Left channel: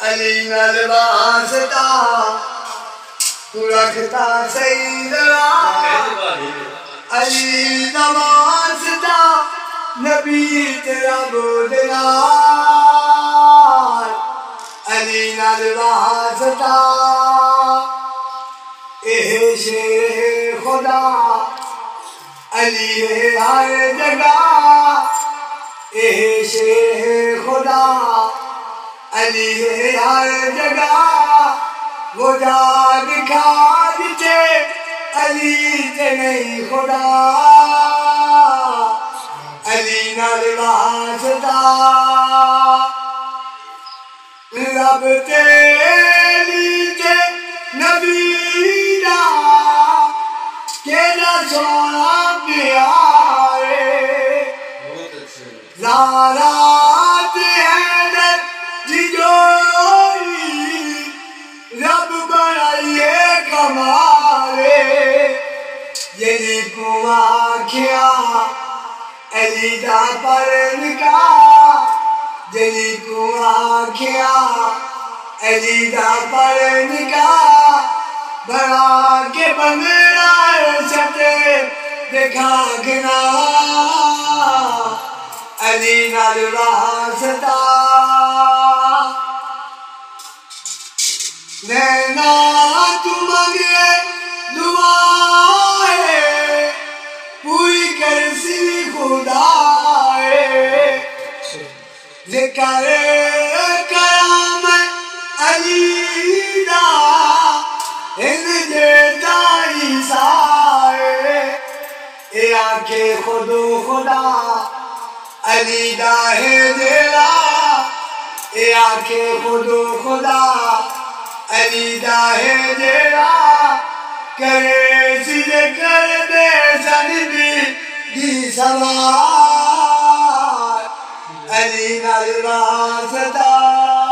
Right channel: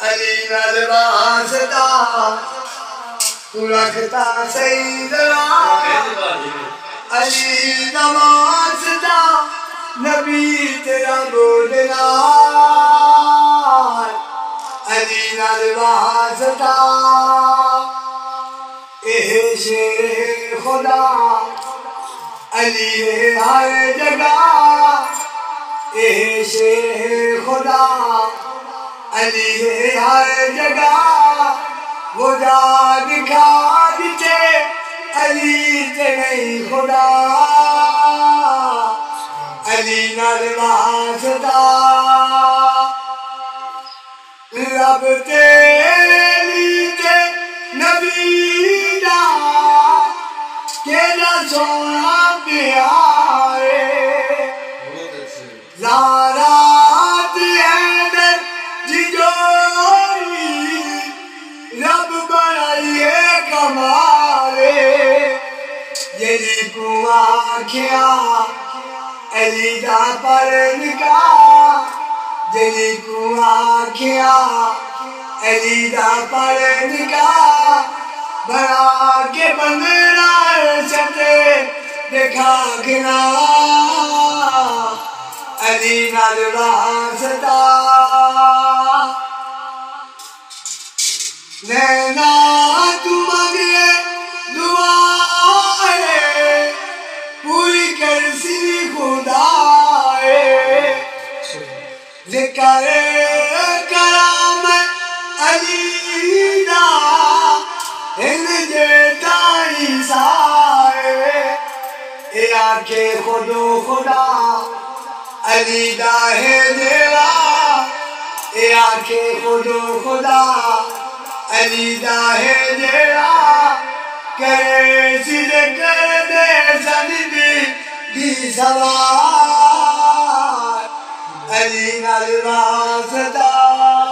علی نال واسطہ تو رکھتا سیدنا علی دا واسطہ نبی تیرا بولنا علی نال واسطہ شیر خدا علی ہے ہر جگہ شیر خدا علی ہے ہر جگہ وہ جا دکھا دیتے علی تے نہیں خدا علی نال واسطہ رب تیری تے نبی دا کیڑا سونا پیارے زارات حیدر ججوری رب بنائیے کمالے جلی کو آکھیا علی دا پر نکاح جلی کو آکھیا علی دا پر نکاح بڑا کے بندرا ستے دیکھا گنا علی نال واسطہ نینا تو منگے دعائے پوری کرسی خدا ذکر کرام علی دا ان جیتا عیسیٰ اے آنکھیں خودو خدا علی دا ہے دیوا اے آنکھیں خودو خدا علی دا ہے دیوا کرے سید کر دے سندی دی سوار علی نال واسطہ